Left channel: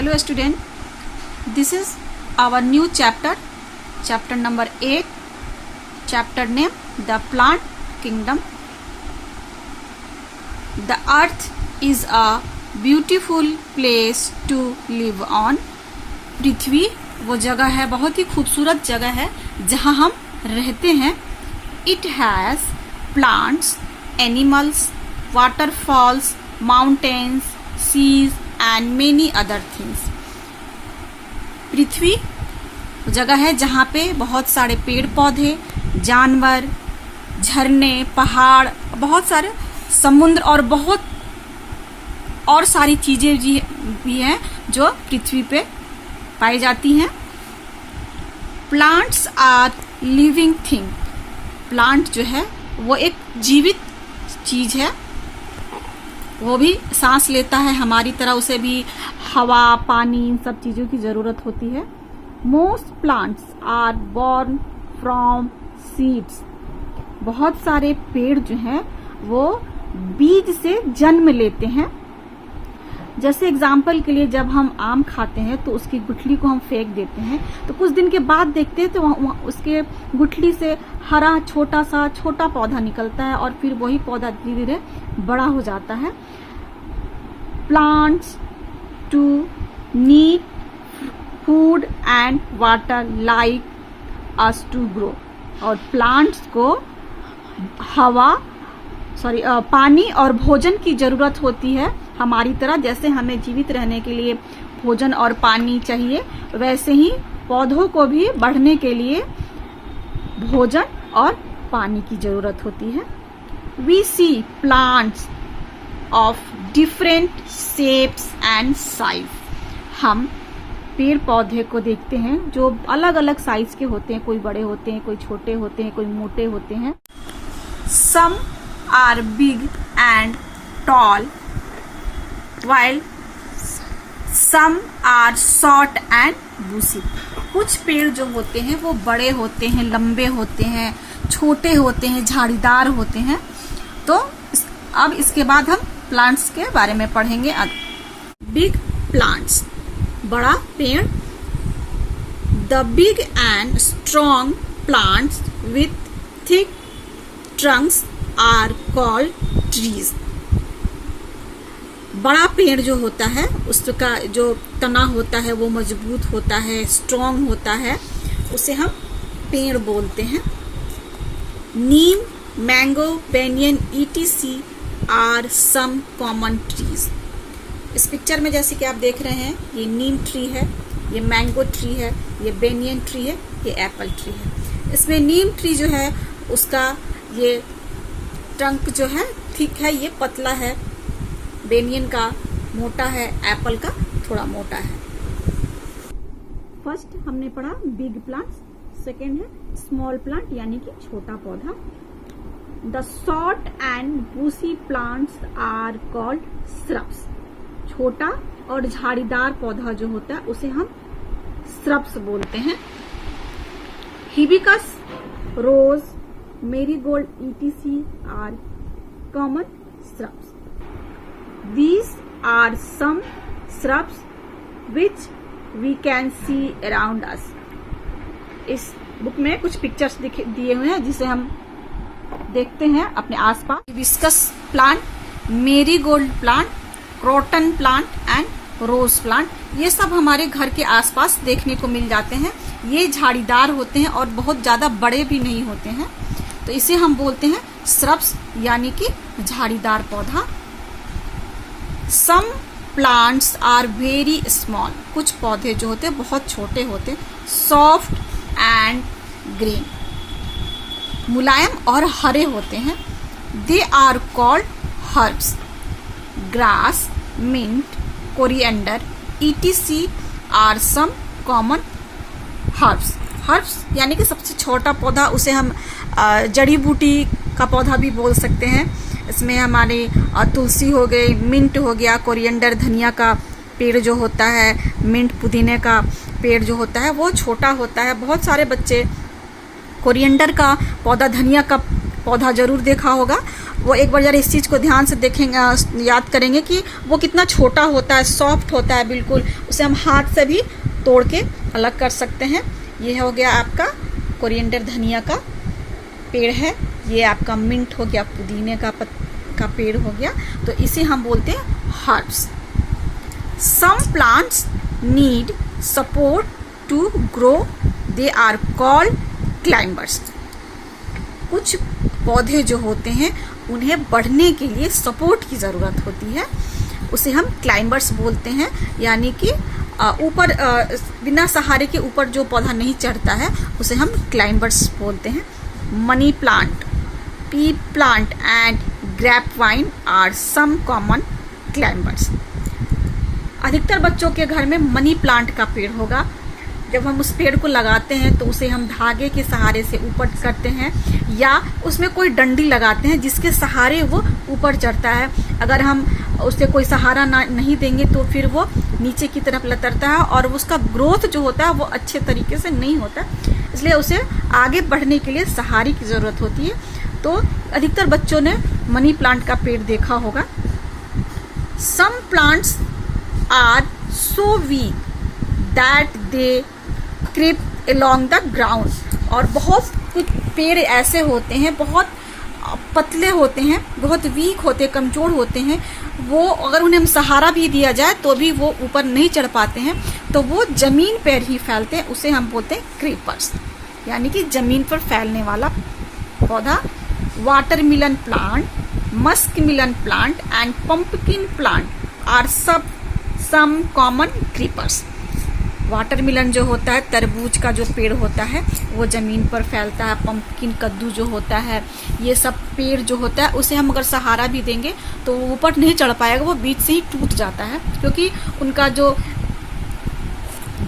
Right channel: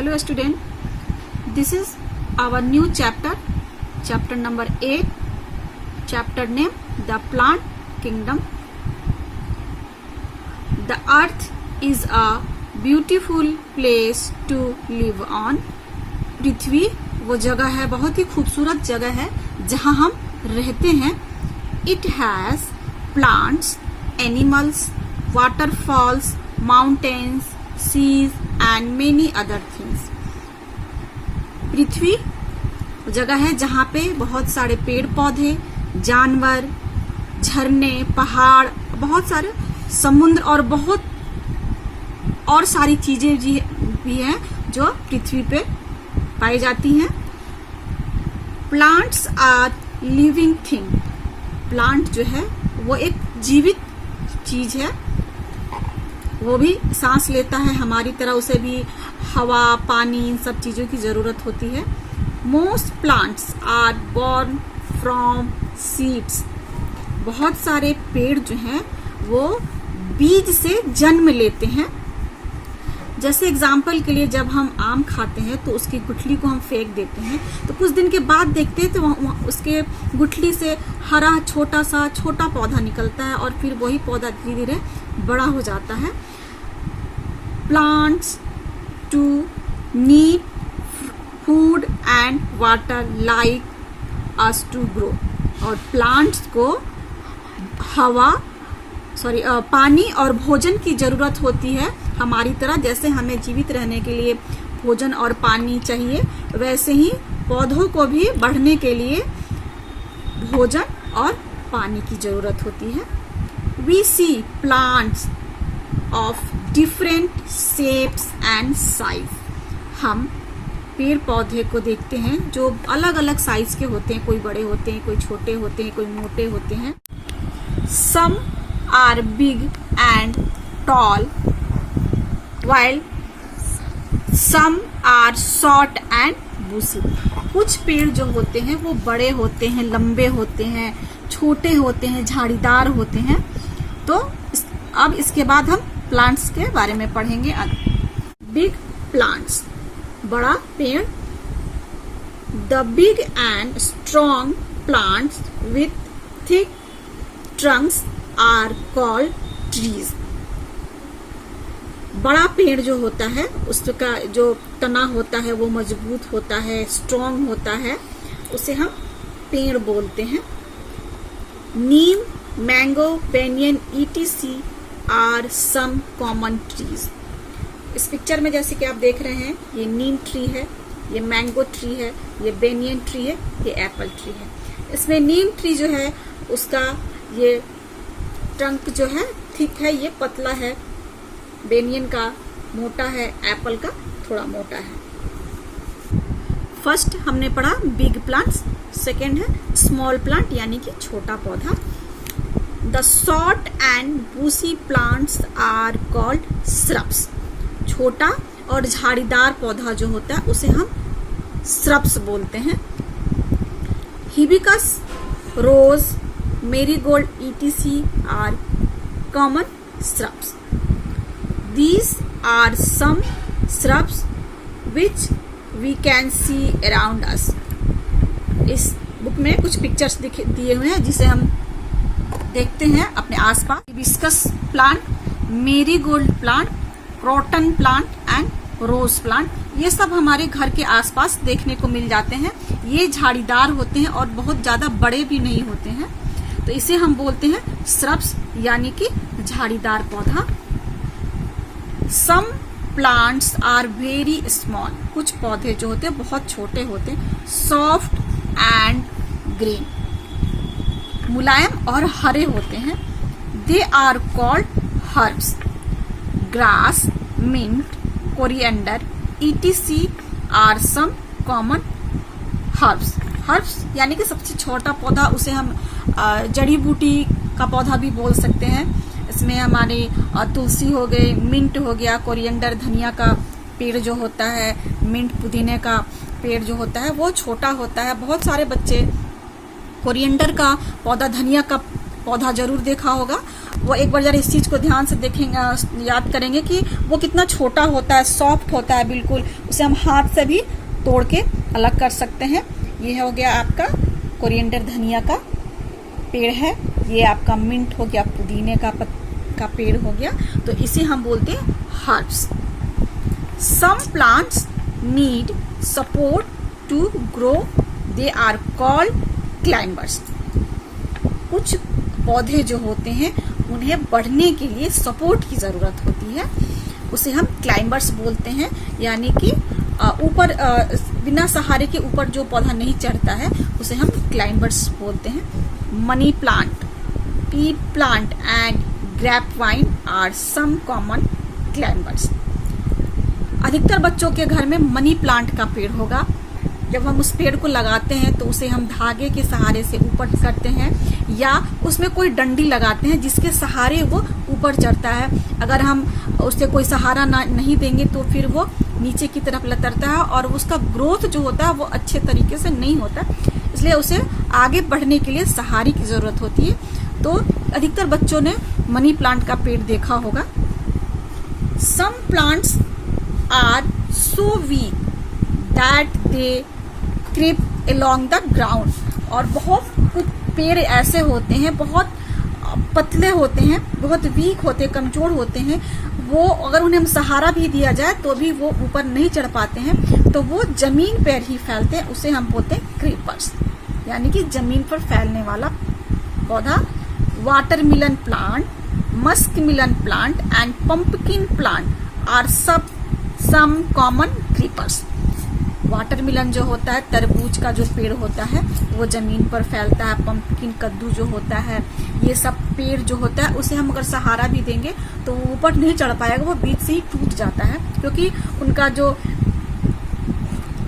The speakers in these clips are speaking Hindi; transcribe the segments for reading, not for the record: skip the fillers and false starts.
Hello student, this is our new chapter number 8, chapter name The Plant Kingdom. The earth is a beautiful place to live on. पृथ्वी वो जगह है, बहुत ही खूबसूरत जगह है जहाँ हम रहते हैं. It has plants, animals, waterfalls, mountains, seas and many other things. पृथ्वी जगह है जहाँ पे बहुत सारे पेड़ पौधे, जानवर, झरने, पहाड़, बहुत सारे समुद्र और बहुत और सारी चीजें भी हैं जो पृथ्वी पे पाई जाती हैं. Plants are living thing. Plant जो है वो एक जीवित चीज है, वो भी सांस लेता है हमारी तरह, उसे भी हवा, पानी, इन सब चीजों की जरूरत होती है. Most plants are born from seeds. बहुत सारे पेड़ जो हैं वो बीज से जन्म लेते हैं. जैसे एग्जाम्पल के लिए जब हम आम खाते हैं तो उसकी गुठली को हम फेंक देते हैं, तो कुछ दिन के बाद देखते हैं तो उसके गुठली से हरा छोटा पौधा निकलता है और फिर वही पौधा धीरे धीरे बड़ा हो जाता है. Plants too need food and water like us to grow. और प्लांट्स को पानी और भोजन की जरूरत होती है हमारी तरह. जैसे हमें जीवित रहने के लिए भोजन और पानी चाहिए, वैसे ही पौधों को भी बढ़ने के लिए भोजन और पानी की जरूरत होती है. We see plants of different shapes and size. हम पेड़ पौधे को देखते हैं जो अलग अलग साइज के होते हैं. कोई बड़े होते हैं, कोई छोटे होते हैं, कोई मोटे होते हैं. Some are big and tall while some are short and bushy. कुछ पेड़ जो होते हैं वो बड़े होते हैं, लंबे होते हैं, छोटे होते हैं, झाड़ीदार होते हैं. तो अब इसके बाद हम प्लांट्स के बारे में पढ़ेंगे. बिग प्लांट्स, बड़ा पेड़. The big and strong plants with thick trunks are called trees. बड़ा पेड़ जो होता है उसका जो तना होता है वो मजबूत होता है, स्ट्रॉन्ग होता है, उसे हम पेड़ बोलते हैं. Neem, mango, banyan etc are some common trees. इस पिक्चर में जैसे कि आप देख रहे हैं, ये नीम ट्री है, ये मैंगो ट्री है, ये बेनियन ट्री है, ये एप्पल ट्री है. इसमें नीम ट्री जो है उसका ये ट्रंक जो है ठीक है, ये पतला है, बेनियन का मोटा है, एप्पल का थोड़ा मोटा है. फर्स्ट हमने पढ़ा बिग प्लांट्स, सेकेंड है स्मॉल प्लांट यानी कि छोटा पौधा. The short and bushy plants are called shrubs. छोटा और झाड़ीदार पौधा जो होता है उसे हम श्रब्स बोलते हैं. Hibiscus, rose, marigold etc are common shrubs. These are some shrubs which we can see around us. इस बुक में कुछ पिक्चर्स दिए हुए हैं जिसे हम देखते हैं अपने आसपास. Hibiscus plant, marigold plant, croton plant and rose plant, ये सब हमारे घर के आसपास देखने को मिल जाते हैं. ये झाड़ीदार होते हैं और बहुत ज्यादा बड़े भी नहीं होते हैं, तो इसे हम बोलते हैं श्रब्स यानी कि झाड़ीदार पौधा. Some plants are very small. कुछ पौधे जो होते हैं बहुत छोटे होते हैं. Soft and green, मुलायम और हरे होते हैं. They are called herbs. Grass, mint, coriander etc are some common herbs. Herbs यानी कि सबसे छोटा पौधा, उसे हम जड़ी बूटी का पौधा भी बोल सकते हैं. इसमें हमारे तुलसी हो गई, मिंट हो गया, कोरिएंडर धनिया का पेड़ जो होता है, मिंट पुदीने का पेड़ जो होता है वो छोटा होता है. बहुत सारे बच्चे कोरिएंडर का पौधा, धनिया का पौधा जरूर देखा होगा। वो एक बार जरा इस चीज को ध्यान से देखेंगे, याद करेंगे कि वो कितना छोटा होता है, सॉफ्ट होता है बिल्कुल, उसे हम हाथ से भी तोड़ के अलग कर सकते हैं। ये हो गया आपका कोरिएंडर, धनिया का पेड़ है। ये आपका मिंट हो गया, पुदीने का पेड़ हो गया। तो इसे हम बोलते हैं herbs. Some plants need support to grow, they are called climbers. कुछ पौधे जो होते हैं उन्हें बढ़ने के लिए सपोर्ट की जरूरत होती है, उसे हम क्लाइंबर्स बोलते हैं। यानी कि ऊपर बिना सहारे के ऊपर जो पौधा नहीं चढ़ता है उसे हम क्लाइंबर्स बोलते हैं। Money plant, pea plant and grapevine are some common climbers. अधिकतर बच्चों के घर में मनी प्लांट का पेड़ होगा। जब हम उस पेड़ को लगाते हैं तो उसे हम धागे के सहारे से ऊपर करते हैं, या उसमें कोई डंडी लगाते हैं जिसके सहारे वो ऊपर चढ़ता है। अगर हम उसे कोई सहारा नहीं देंगे तो फिर वो नीचे की तरफ लतरता है और उसका ग्रोथ जो होता है वो अच्छे तरीके से नहीं होता, इसलिए उसे आगे बढ़ने के लिए सहारे की जरूरत होती है। तो अधिकतर बच्चों ने मनी प्लांट का पेड़ देखा होगा। Some plants are so weak that they creep along the ground. और बहुत कुछ पेड़ ऐसे होते हैं, बहुत पतले होते हैं, बहुत वीक होते हैं, कमजोर होते हैं। वो अगर उन्हें हम सहारा भी दिया जाए तो भी वो ऊपर नहीं चढ़ पाते हैं, तो वो जमीन पर ही फैलते हैं। उसे हम बोलते हैं क्रीपर्स, यानी कि जमीन पर फैलने वाला पौधा। Watermelon plant, muskmelon plant and pumpkin plant are some common creepers. Watermelon जो होता है, तरबूज का जो पेड़ होता है वो जमीन पर फैलता है। पंपकिन, कद्दू जो होता है, ये सब पेड़ जो होता है उसे हम अगर सहारा भी देंगे तो वो ऊपर नहीं चढ़ पाएगा, वो बीच से ही टूट जाता है, क्योंकि उनका जो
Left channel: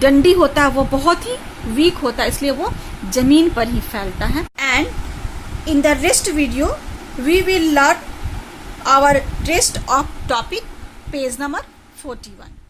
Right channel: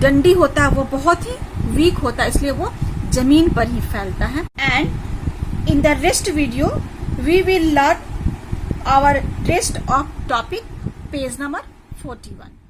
डंडी होता है वो बहुत ही वीक होता है, इसलिए वो जमीन पर ही फैलता है। And in the rest video we will learn our rest of topic, page number 41।